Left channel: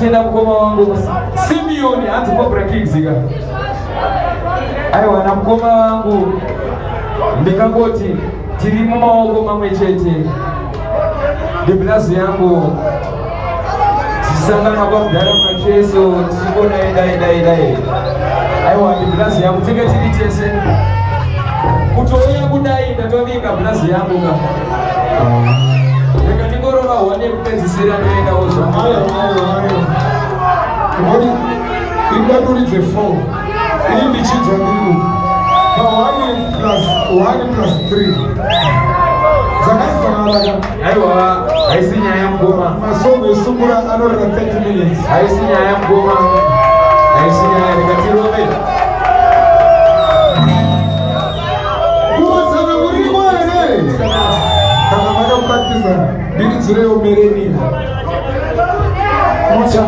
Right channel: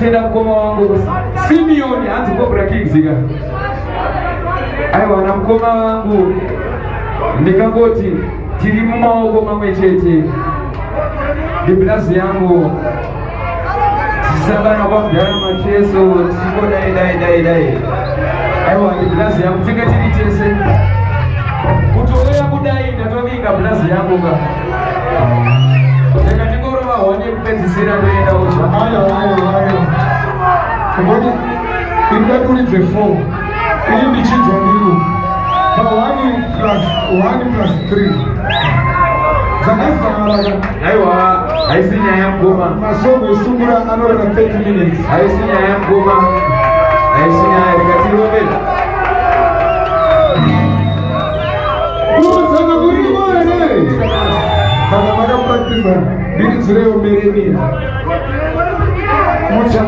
Tenda mkoma wangu Simeoni anti-Cobra Kingziga. Aiwa na mkoma wangu ndikangoti tiri mumaoko mamwe chete. Diblazi yangu tisangana kwa mdara macheso tisiko dai. Aiwa diblazi yangu tika tiri tese kutowea kudai ndatovinga blazi yangu ka. Ndika nikorola wane kupedzisira ndoenda osha. Ayo. What if that only is a 4? If the kids are new, but 1 plus 3. Aiwa, haisinya ya mgoma. Masomo isungura another 30 minutes. Haisinya ya mgoma. Haisinya ya katirobe. Kuma sana muri mwane. Kama practice. Bili zile umereni. Mocha.